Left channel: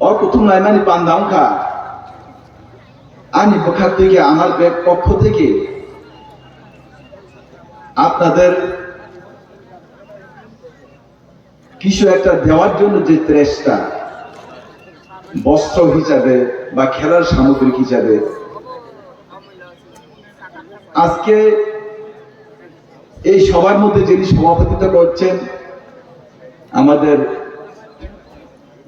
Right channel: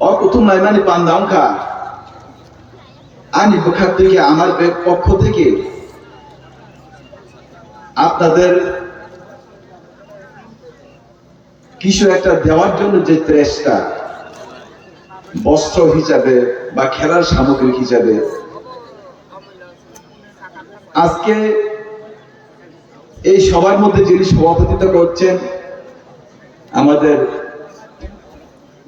অকুতুম নাইমানি পান্দাংখা আনি পক্ষ থেকে আমার পক্ষ থেকে আপনাদের কিছু একটা দেওয়ার জন্য যে চেষ্টা, বস্ত্র হিসাবে বা খেলার সামগ্রী হিসাবে, আজকে এই সবার মধ্যে যিনি সভাপতিত্ব করছেন আমাদের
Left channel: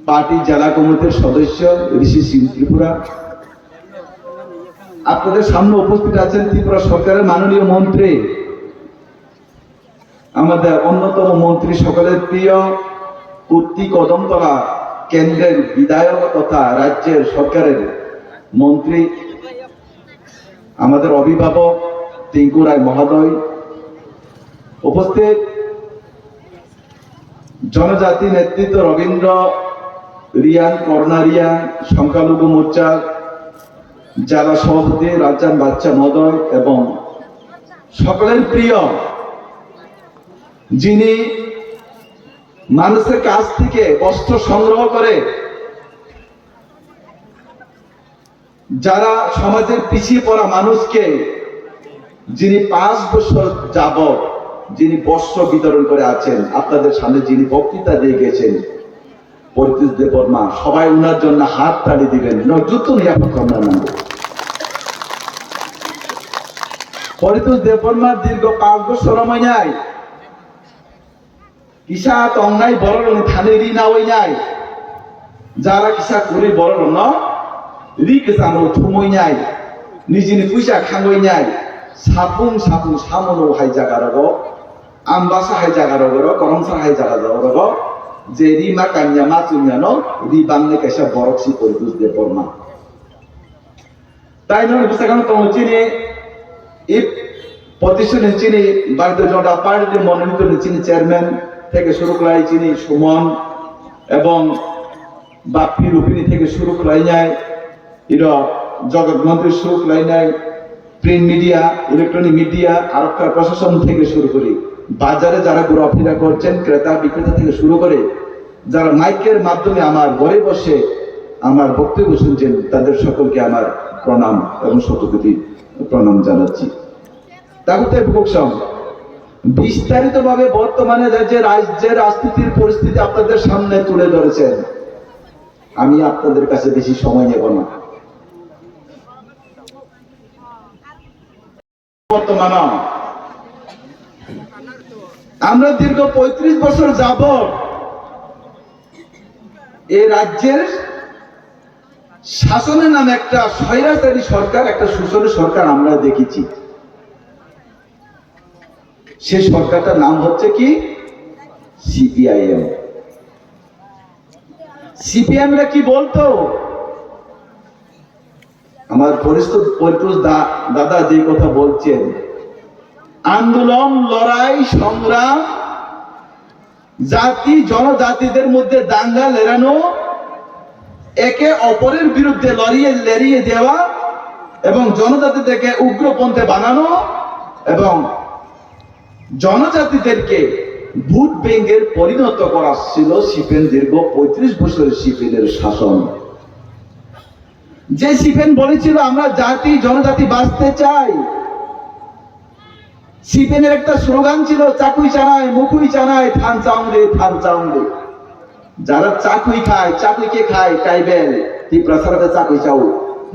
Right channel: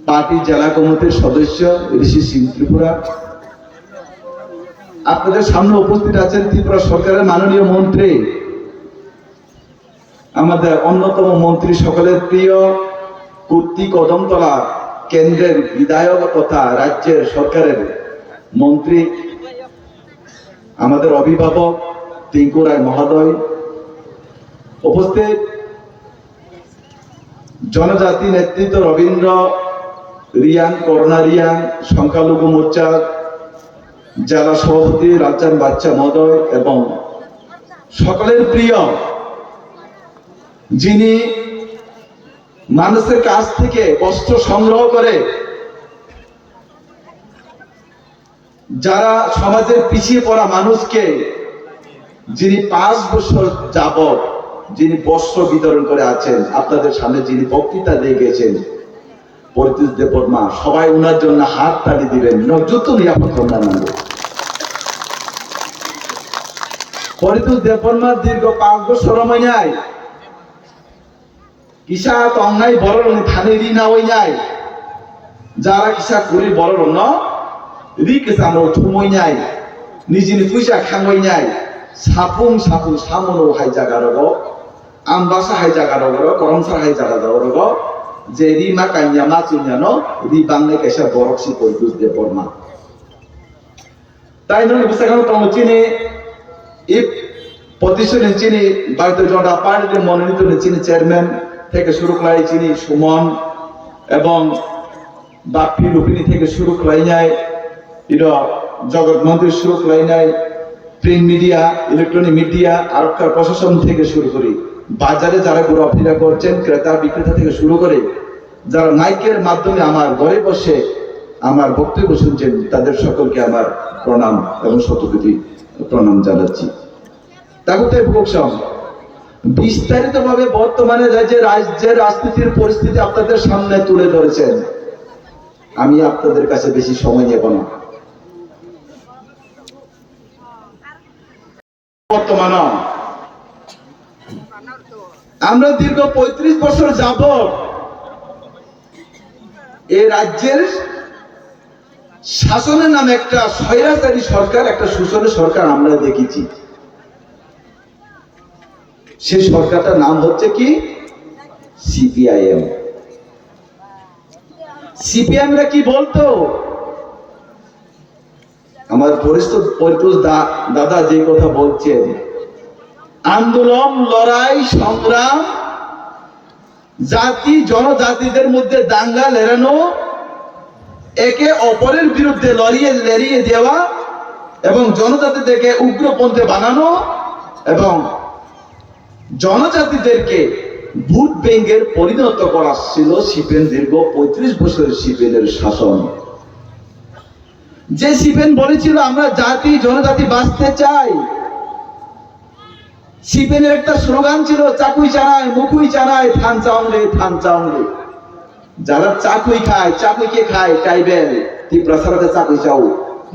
পার্টি জেলা কমিটির সদস্য ঋষি সিং ত্রিপুরা, আপনাদের সামনে উপস্থিত আছেন ত্রিপুরা সরকারের মাননীয় মন্ত্রী, আমাদের অন্যতম মন্ত্রী, সকলের প্রিয় কুর্তি কদমতলা কেন্দ্রের বিধায়ক তথা রাজ্যের সরকারের মন্ত্রী, আমাদের অভিভাবক টিঙ্কু রায় মহোদয়, উপস্থিত জনজাতি নেতৃত্ব রবীন্দ্র রিয়াং, করোনা রিয়াং, সংখ্যালঘু মোর্চা জেলা সভাপতি রাজ্জান বাচ্চা মহোদয় এবং সকলের প্রিয় যিনি মানুষের কাছ থেকে বস্ত্র সংগ্রহ করে যারা সমাজের পিছিয়ে পড়া মানুষকে, যিনি 5 বছর যাবত যিনি বস্ত্র বিতরণ করে আছেন, আপনাদের সামনে যিনি বক্তৃতা দিয়ে গেছেন পরিতোষ দেববর্মা, সবাই ওনার জন্য হাত তালি দিবেন। যুদ্ধ নিরাপত্তা পরিতোষ দেববর্মা দীর্ঘ 5 বছর মইনাই কিসা তংনাই বড় থানে রি না ওই নাই যারা কিসা করি বড় ন রি কিসানো থুমই নাই নিজেনি পয়সা খাঙ্গই নাই সাপুং সাপুং সামনো হাই জায়গা রগ আমবাসা হাই জায়গা রগ করমসা হাই জায়গা রগ যে রি মা কান্যা মা চুনিয়ানো রি বাংলা কাইসা বরকসি পরিতোষ দেববর্মা তাই নয় বিশাখানো তং চিনি এই প্রতিষ্ঠানে চিনি ভারতীয় জনতা পার্টির মনোনীত চিনি চেয়ারম্যান থেকে শুরু করে চিনি সুমন এবং বাপ্পি রূপিনী থেকে শুরু করে নাই জগৎ মন্ত্রী শুরু করে নাই প্রিন্ট মিডিয়া, ইলেকট্রনিক মিডিয়া, আরক্ষা প্রশাসন থেকে শুরু করে বাজারে যারা ঘোরাফেরা করছেন, ক্রেতা বিক্রেতা থেকে শুরু করে যারা মাইকের মাধ্যমে আমার ঘরে বসে আমার বক্তব্য শুনছেন, তাদের সকলকে আমার প্রণাম এবং শতকোটি প্রণাম জানাচ্ছি। তাগুতের ভোগসম বিস্তারিত ভাবে বর্তমানে রাজ্যের রাজনীতির পরিস্থিতি আপনাদের সামনে তুলে ধরেছেন। আমি আপনাদের কাছে বেশি সময় নেব না। বর্তমান আমরা দীর্ঘ 35 বছর যাবত এই রাজ্যের শাসনের নামে একটা স্বৈরাচারী সরকার, একটা শোষণের সরকার আমরা দেখেছি। সেই সরকারটার নাম হচ্ছে কি সিপিআইএম। সিপিআইএমরা কি বলতো, আমার পরিতোষ দাদা যে কথা বলছেন, আন্দোলন, লড়াই, সংগ্রাম, জাতি জনজাতিদের মধ্যে দাঙ্গা লেড়ানো, একে অপরের বিরুদ্ধে লড়িয়ে দেওয়া এবং জনজাতিদেরকে উগ্রপন্থী বানানো এবং জনজাতিদেরকে ভোট ব্যাংকের পরিণত করা ছিল সিপিএম দীর্ঘ 35 বছরের সিপিএমের শাসন। যে সিপিএম বলেছিল আমরা জাতি জনজাতি বাঁচতে চাই, সিপিএমের একটা স্লোগান ছিল চাকুই চানায় মুখুই চানায় থান চাউলে থান চাউলে। যারা চাকুই খায়, চাকুই কে খায় ট্রাইবেল ত্রিপুরাতে চাকুই চাউ,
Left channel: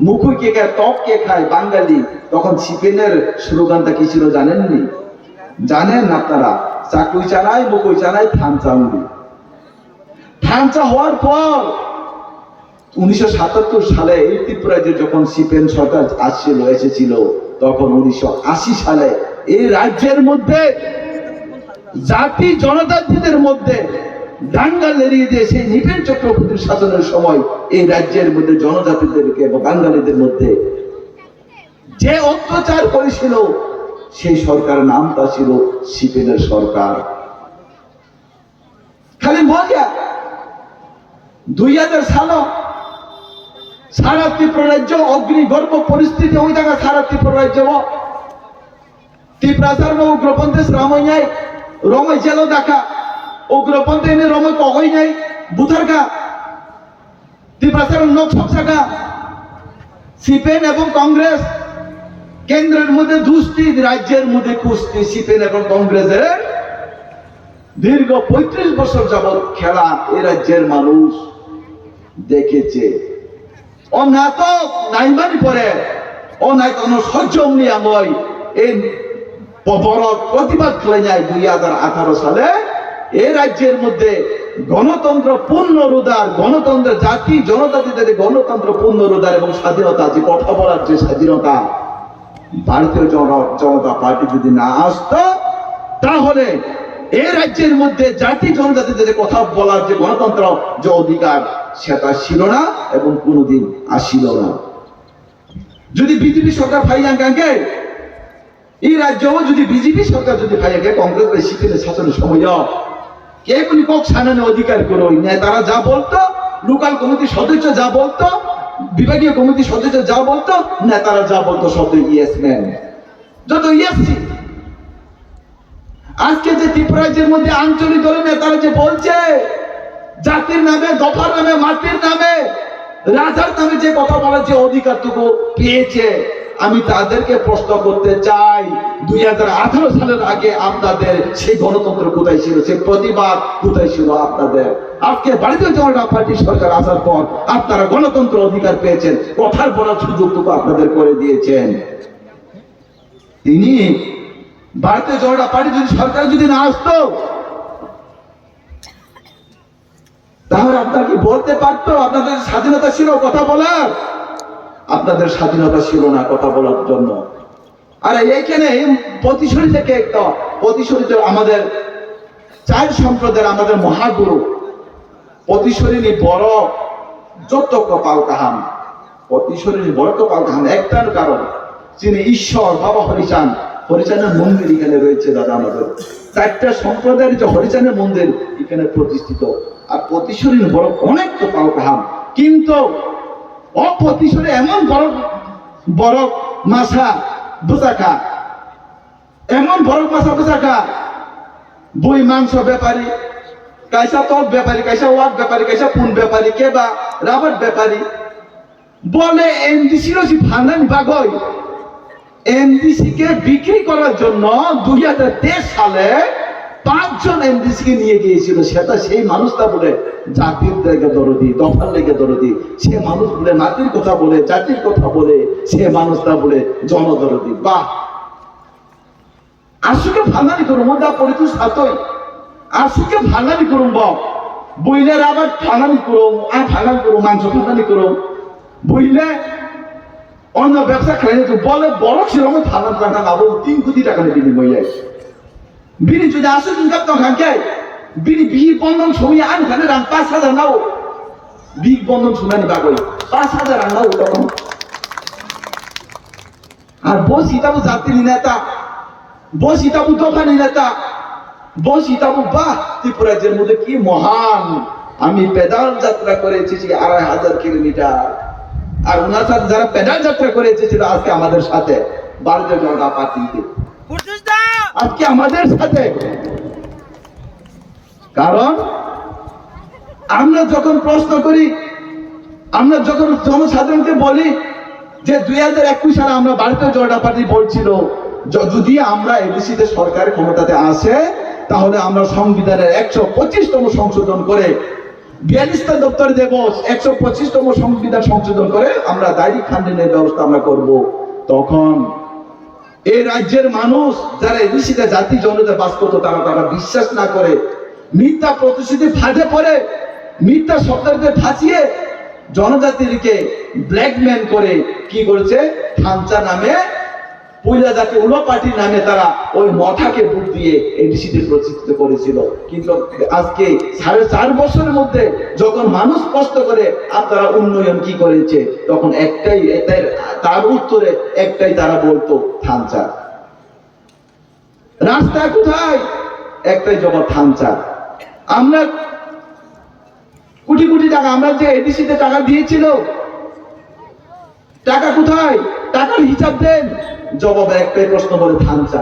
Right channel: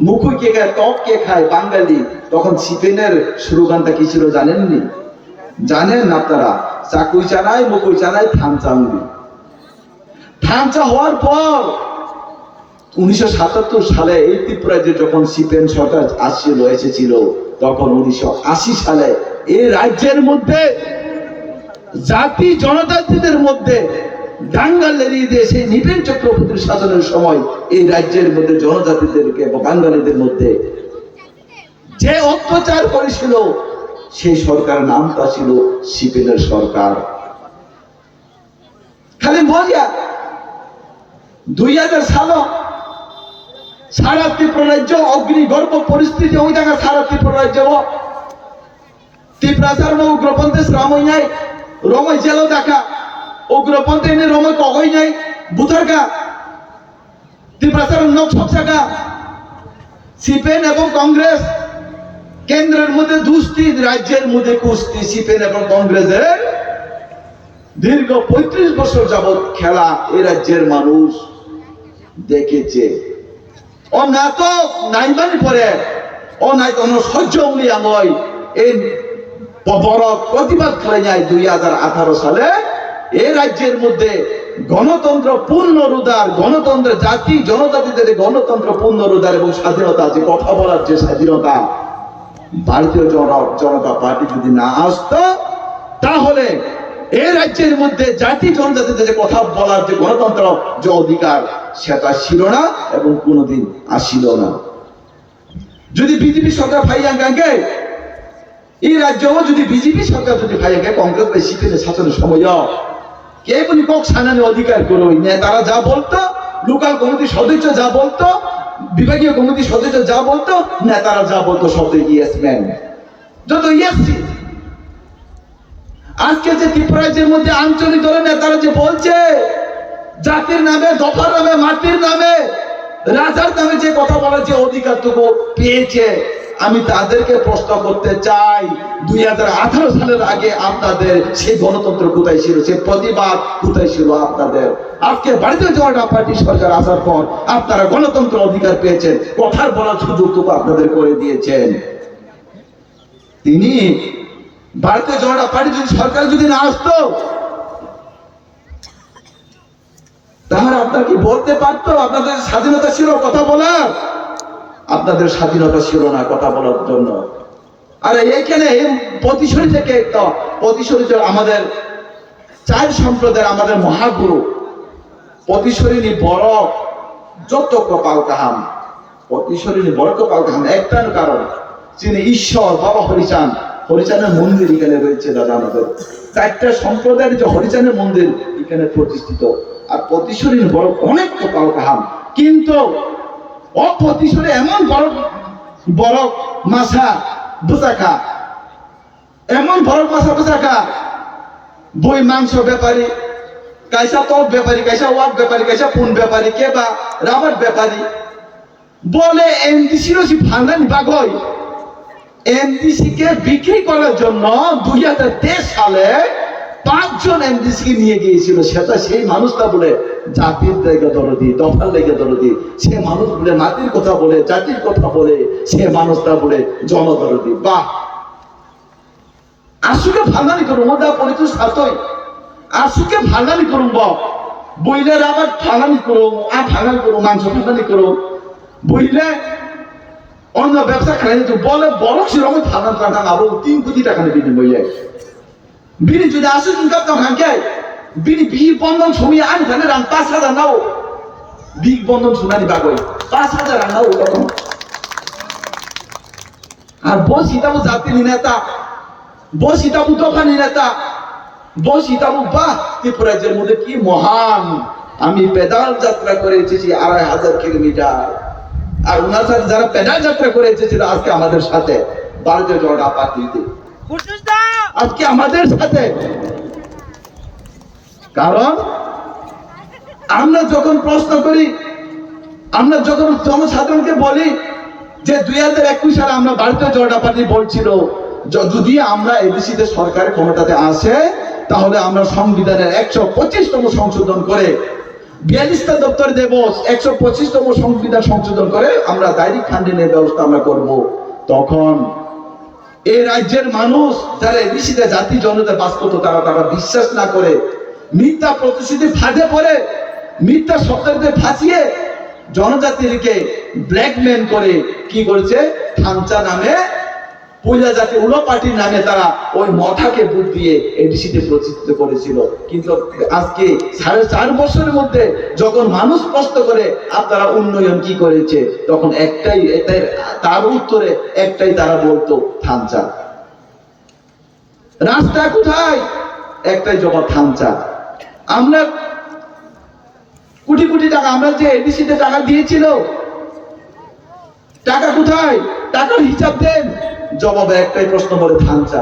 মুখুই কে খায় টক কে খায় বাঙালি। তখন সিপিএমের স্লোগানটা কি ছিল জানেননি? জানেন আপনারা? চাকুই চানায় মুখুই চানায় থান চাউলি। থানচা হওয়ার পর 1977 সালে এই ত্রিপুরায় যখন সিপিএম সরকার এসেছিল, তখন 1980 সালে এই রাজ্যের মধ্যে জাতি জনজাতিদের মধ্যে দাঙ্গা লেড়িয়ে দিয়ে সেই নৃপেন চক্রবর্তীর শাসনের সময় এই রাজ্যের মধ্যে জনজাতিদেরকে এবং বাঙালিদের মধ্যে যে অত্যাচার করেছিল, সেই সরকারের নামটা ছিল সিপিএমের সরকার। খালি মজা 2000 সাল সারা ত্রিপুরা রাজ্য অগ্নিগর্ভ পরিস্থিতি ওই জায়গা সারা ত্রিপুরা রাজ্য ত্রিপুরা সার্ব উগ্রপন্থী শ্রামই নাই রময় জেল দেখা উগ্রপন্থী রময় কগই নাই বুথারকা ত্রিপুরার লোকসভা শাখা সিপিএম এবং কংগ্রেস কেন্দ্রের মধ্যে দুষ্টি, রাজ্যের মধ্যে কুস্তি। সিপিএম এবং কংগ্রেসের দীর্ঘ 35 বছর যাবৎ খেলা এই রাজ্যের মানুষ দেখেছে। ও না তো নাইমানি পরে ও নাই তো সহ্য আমল এই বড় প্রতিবাদ করে যায় 2018 সালে এই রাজ্যের মধ্যে গণতন্ত্র পূর্ণরুদার, গণতন্ত্র জাতি জনজাতিদের গণতন্ত্র পূর্ণরুদার এবং স্বাধীনতা, যে কথা বলার যে স্বাধীনতা, ভারতীয় জনতা পার্টি যদি না আসতো তাহলে এই রাজ্যের মধ্যে জাতি জনজাতিদের কথা বলার যে গণতন্ত্র যে অধিকার সেটা ছিল না এবং কোনোদিন আসিল না। যদি বিজেপি সরকার ভাইয়াঙ্গাকে এই রাজ্য যদি বিজেপি সরকার যদি ভাইয়াঙ্গে কংগ্রেস বা সিপিএম শাসনের সময় কে কোন কক সানানে অধিকার করো নেতারা যা বলতো, লোকাল কমিটির সদস্য যা বলতো, বিভাগীয় কমিটির সদস্য যা বলতো, নেতারা যা বলতো সব ইয়েস ম্যান, যত ইয়েস। আজকে যে ত্রিপুরা রাজ্যের মধ্যে আঞ্চলিক দলের নেতারা যে বলছে জাতির নামে, দফার নামে, মাটির নামে, রাজার নামে যে কথা বলার যে অধিকারটুকু পেয়েছে, আমি তাদেরকে প্রশ্ন করতে চাই 2018 সালের আগে আপনাদের সেই গণতন্ত্র কোথায় ছিল, সেই প্রতিবাদ কোথায় ছিল আপনাদের? আজকে ভারতীয় জনতা পার্টি সরকার আসার পর আপনারা গণতন্ত্র অধিকার পেয়েছেন, কথার বলার সুযোগটুকু আপনাদের করে দিয়েছেন। তিনি ভারতীয় জনতা পার্টি যদি সরকার যদি না আসতো তাহলে আপনারা কি বলতে পারতো আপনাদের স্বাধীনতা ছিল কথা বলার? আপনাদের স্বাধীনতা ছিল না কথা বলার জন্য। আর এইখানে প্রতিশরী থেকে একটা প্রতিশরী আমাদের 4 সম্প্রদায়ের আমাদের মহাগুরু প্রতিশরী বড় যত কপাল কাহাম, প্রতিশরী বড় কপাল কাহাম একটার কারণ যিনি ঈশ্বর বাবা হরিচাঁদ, হরিচাঁদের মন্দির এখানে রয়েছে। দাদা আমাদের 4টা সম্প্রদায়ের যে হরিচাঁদের মন্দির এখানে প্রতিষ্ঠিত। আর প্রতিশরী বড় অনেক কপাল কাহাম, কিন্তু অপ্রতিশরী এমন বড় বড় মাছা বুসাখা, এমন বড় মাছা বুসাখা, বই মাংস ব্যাপারী, কাইসা টক ব্যাপারী, কাইসা ওয়াট ব্যাপারী, কাইসা পুন ব্যাপারী, কেবা রাবার ব্যাপারী বলে এনডিসি ভান্ডানি বাগই এনডিসি কে বিক্রি করার জন্য 2023 সালে 5 জন এমডিসি কে নিয়ে গিয়েছিল। সেটা সেই মানুষটা বলে জাতির জায়গা দরদি, দফার লেগে দরদি, সে মানুষ বলে নাতির কথা বলে, জাতির কথা বলে, সে মানুষটা বলে জনদরদি। বাহ, আসুকে ভান্ডানি করুম দা পরিচয় সাতই, আসুকে ভান্ডানি করুম বইলের আবার ভান্ডানি করুম, আর ভান্ডানি করুম, মাংস ভান্ডানি করুম, বইলে অন্য ব্যবসা খাই বলে বড় সেরকম ভান্ডান টাকা লাভ 3 কোটি টাকা নেবে বইলে বিনি যদি আসুন ইনকাম তো খাঙ্কে বিনি বিহি বন্ধন সময় আন খানে রাং 5,000 নাও বিগ বন্ধন শুনানি বাগল 5,000 রাং নাও তখন। আর বসিতাবু জাতির নেতা, বসিতাবু দোকানি নেতা, বসিতাবু বাহ ত্রিপুরাজ্যের মধ্যে কি মহান, আমি পেদাল যাত্রা করে এসেছি 2,500 কিলোমিটার। আর ওনার সাথে যারা পেদাল যাত্রা করে এসেছিল আজকে আমাদের সাথে ভারতীয় জনতা পার্টিতে, আজকে আমাদের সাথে। কারণ আমরা যখন প্রশ্ন করি, আমরা যখন জনসাধারণকে বলি যে 2021 সালে আমরা ভারতীয় জনতা পার্টি বলছিল যদি আমরা এবিসিতে সরকারের ক্ষমতাতে আসে তাহলে আমরা সংবিধানের 125তম সংশোধন করে 42টা দপ্তর দেব, 125তম সংবিধান সংশোধন করে আমরা ডাইরেক্ট ফান্ডিংয়ের ব্যবস্থা আমরা করব। তখন এই রাজ্যের মানুষ যারা এবিসিতে জাতি জনতা বাস করতো তারা বিশ্বাস না করে মিথ্যা প্রতিশ্রুতি ফাঁদে পড়ে, মিথ্যা শব্দকে ফাঁসিয়ে জনজাতিকে ব্ল্যাকমেল করে কি করেছে, থানচা নামে পয়লা জাতি উলো পার্টির নামে তারা ওই মঠাকে ভোট দিয়ে এডিসিতে প্রতিষ্ঠিত করেছিল। কিন্তু আজকে 4.5 বছরের মধ্যে যখন মানুষ প্রশ্ন করে আপনারা উন্নয়ন কি করেছে, তখন একটাই তার উত্তরে একটাই তারা বলতো থানচা। রাস্তা কোথায়, একটাই জবাব থানচা। আমরা কোটি কোটি টাকা আমরা যে এডিসিতে টাকা দিয়েছিল, টাকা কোথায়, টাকার হিসাব দেন, জবাবে একটাই প্রশ্ন বলে থানচা।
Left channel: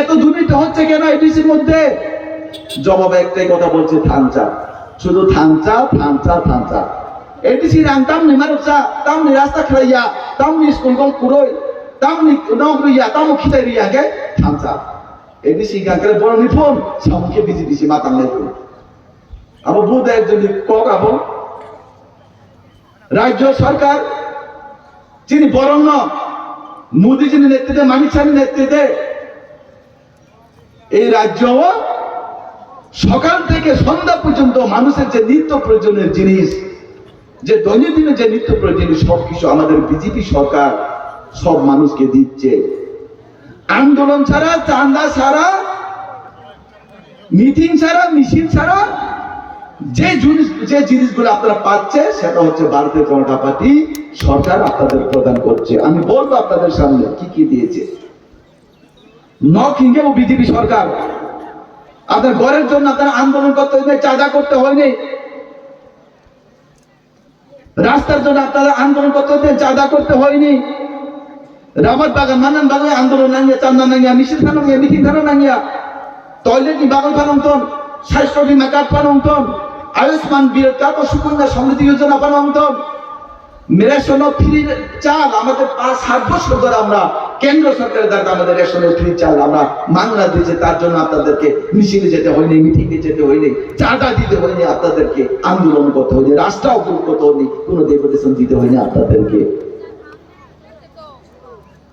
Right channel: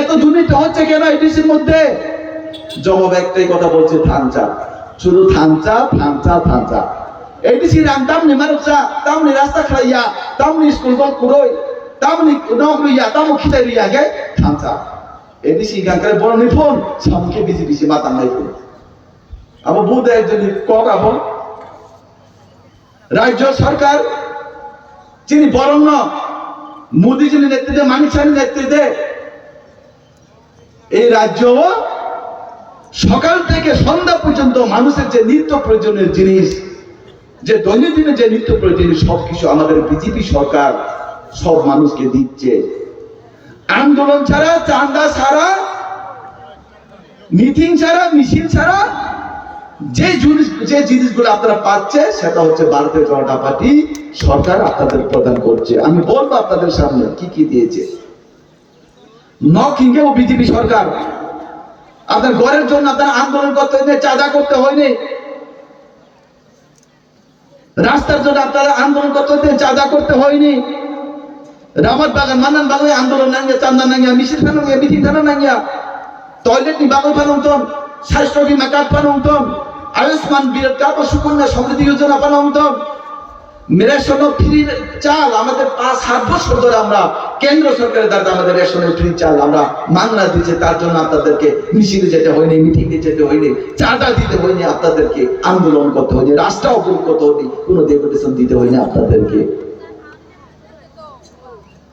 এত দুর্নীতি হচ্ছে কেন এডিসির মধ্যে, জবাবে একটাই কথা বলছে থানচা, শুধু থানচা থানচা থানচা। এডিসি রাং তামনি মারুকসা তামনি রাস্তা খাইয়া তামনি স্কুল কল কুরই তামনি নগরুইয়া তামু খিতাইরিয়া গে থামসা এডিসি গাঙ্কারে বড় নিফুন সামুকে বিজি বিজি মাতাং নাইফুন আবো বুদে একজন কক আবো রাজ্য সরকার যিনি বরণ্য মোদী যিনি নেতৃত্বে মানিক সাহের নেতৃত্বে এই রাজ্য সকাল থেকে সন্ধ্যা পর্যন্ত মানুষের যে নিত্য প্রয়োজনের জিনিস যে দৈনন্দিন যে নিত্য প্রয়োজনীয় সবকিছু আমাদের বিজেপি সরকার সব মানুষকে দিচ্ছে আন্দোলন ছাড়া চাঁদা ছাড়া মিটিং ছাড়া মিছিল ছাড়া যে জিনিসগুলো আপনারা পাচ্ছে সেটা হচ্ছে ভারতীয় জনতা পার্টি সরকার আপনাদের প্রদান করছে আমি বলবো আপনাদের সামনে কি কি দিয়েছে কিংবা বিজেপি সরকার আপনার ঘরের জন্য আপনার আন্দোলন করতে হয়নি চাঁদা করতে হয়নি রাস্তার জন্য আপনারা আন্দোলন করতে হয়নি চাঁদা করতে হয়নি রাবার বাগান মানান বাগানে আন্দোলন নাঙ্গিয়া চান্দা নাঙ্গিয়া মিছিল ফানুঙ্গিয়া মিটিং ফানো নাঙ্গিয়া টয়লেট নি বাগান ফানুংতন স্বাস্থ্য বিমা কার্ড ফানুংতন আয়ুষ্মান বিকাশ সুকন্যা সমৃদ্ধি যোজনা ফানুংতন রেশন ফ্রি চাল আমাদের 5-7 বছর ধরে আমরা কেন্দ্র সরকারের দ্বারা আমাদের রেশনের ফ্রি চাল আমরা মাংনা দিয়েছে তার জন্য আপনাদেরকে মিছিলে যেতে হয়নি মিটিংয়ে যেতে হয়নি চাঁদা দিতে হয়নি আপনাদেরকে আন্দোলন করতে হয়নি রাস্তা অবরোধ করতে হয়নি কোনো ডেপুটেশন দিতে হয়নি আপনাদেরকে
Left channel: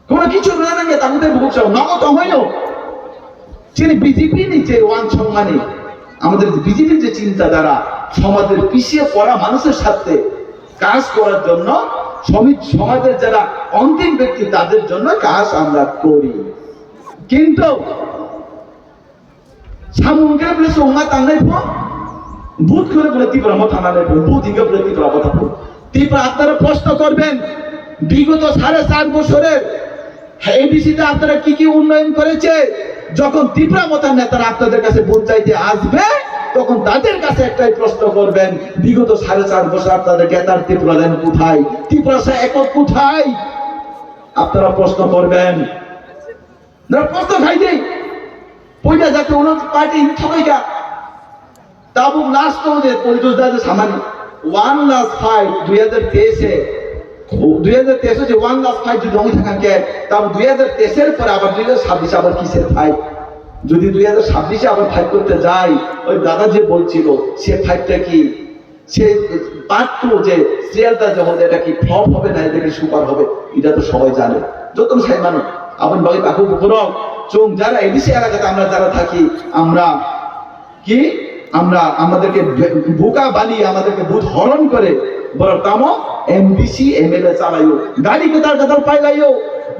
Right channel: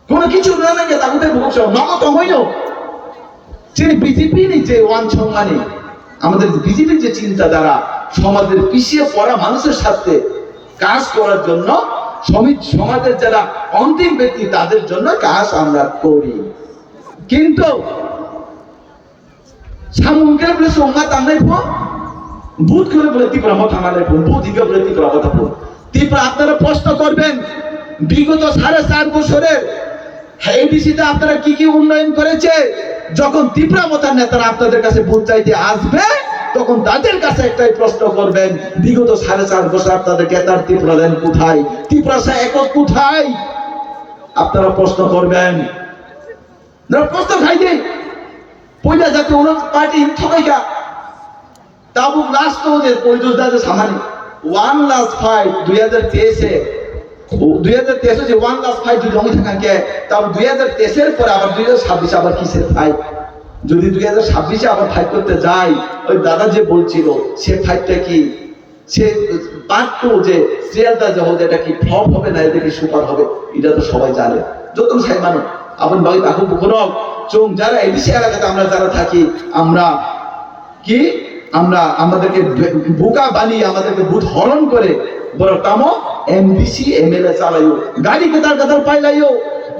কোনো কিছু না তাদের ভবিষ্যৎ নগদ হইও যিনি বিজেপি নিচে ওয়ান সম্মানে আমাদের বিজেপির যে চিন্তাধারা সমাজের পিছিয়ে পড়া মানুষের সাথে কাজ করার জন্য সমাজের যারা অন্তিম ব্যক্তি তাদের জন্য কাজ আমরা করি কিন্তু সামুনকে বলে সোমা তাঙ্গাই বুধ করে বলে তীব্র মত আনালাই বুধিকে বলে তীব্র কথা তীব্র আপনারা প্রশ্ন করবেন বিগত 4.5 বছরের এডিসিতে আপনারা কি কি উন্নয়ন করেছে যখন তীব্র মতার নেতারা আপনাদের কাছে ভোট চাইতে আসবে তখন তাদের কাছে একটাই প্রশ্ন করবেন বিগত 4.5 বছর আপনাদের নেতার তীব্র দেন কোথায় তীব্রসা একক কোথায় আপনারা প্রশ্ন করবেন প্রশ্ন খাইতে পয়লা যাতে ওন পার্টি সবাইকা তাবু লাস্ট যে পরিদোষ দাদা সামান্য 1 লাস্ট ফাইট 2023 যে 1 লাস্ট ফাইট যদি জমি থাকাকে তাও 2023 এর পরে আবার 2026 আবার কিসের ফাইট যদি 2026 আবার ফাইট করতে যাই ওই দাদা যে বলছিল সে ফাইটটা কি সে পার্ট 2 যে সিরিয়ালটা যে হবে এটা কি ফ্লপ হবে না এটা কি সুপার হবে এটা তো সবাই জানে যত সাই মানে আপন বাকি বাকু বুকরক চোং যারা এডিসি এলাকাতে আমরা যারা থাকি আমরা কি আমরা আমাদেরকে বোকা বানিয়ে আমাদেরকে বুধ হরণ করে বড় তামো এমডিসি এমএলএ চালাইও গাড়ি কতার পাইলাইও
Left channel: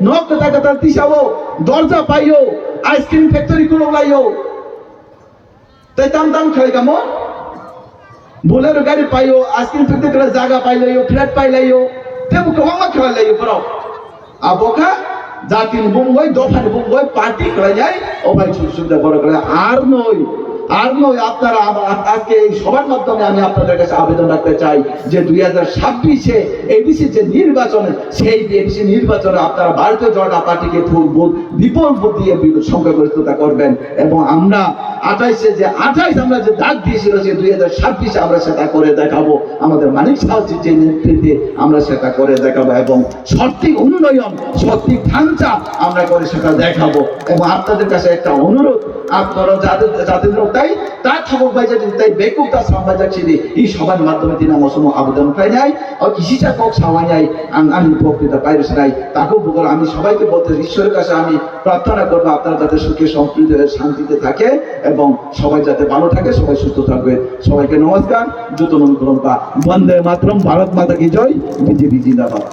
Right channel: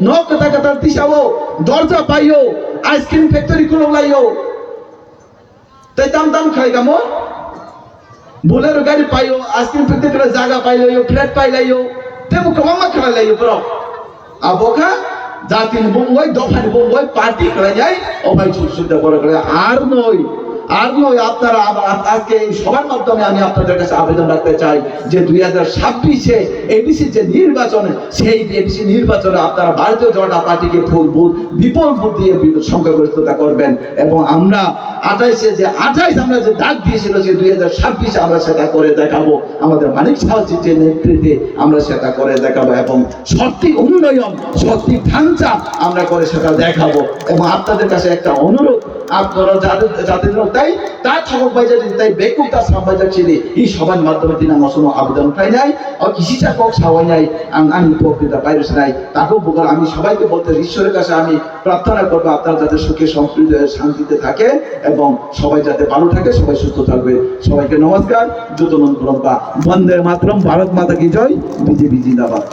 নখ কতার তিসাও দরজা পাইও আইসক্রিম ফ্যাক্টরি খুলো লাইও তাই দাম খাই কামো বোলেরো গাড়ি পাইও আইসক্রিম ফ্যাক্টরি জায়গা পাইলাইও ফ্ল্যাট পাইলাইও তেমন কমামা খেলাইও বড় আবোকা জাতির বঙ্গই দফানি বঙ্গই পার্টি করা যায় ও ভাই সুবিধা করা আর নয় আপনারা আজকে এই সবার মাধ্যমে আমি আপনাদের কাছে আবেদন রাখতে চাই যে 2026-এ এডিসি যে নির্বাচনে সেই এডিসি নির্বাচনে আপনারা ভারতীয় জনতা পার্টিকে বিপুল ভোট দিয়ে সংখ্যাগরিষ্ঠতা করবেন এবং আমরা 28 আমরা যে ডাক দিয়েছিল যে 2026 আমরা সেটা করে দেখাবো আমাদের মানিক সাহায্যের যে নেতৃত্বে আমরা সেটা করে দেখাবো এবং সত্যি উন্নয়ন সত্যি ঢাঞ্চা আমরা করে সেটা দেখাবো এবং আপনাদের কাছে একটা অনুরোধ আপনারা যাদের তাই তার থাকক ভাই যদি তাই বেকুব তার সবাই যাচ্ছি এই সবার মাধ্যমে তিনি আমার কোনো আবেদন পাই নাই আর কৃষিটা কক সবাই নাই আমি বক্তৃতা পাইরেছি নাই তাকেও বলবো আমি সবাইকে বলতে ঈশ্বরের কাছে আমি প্রার্থনা করবো আপনারা যাতে সুখে সমৃদ্ধ শান্তিতে থাকে এবং সবাই যাতে ভালো থাকে সবাই সুস্থ থাকবে সবাইকে নমস্কার যত নমস্কার বন্দে মাতরম ভারত মাতা কি জয় বিজেপি জিন্দাবাদ।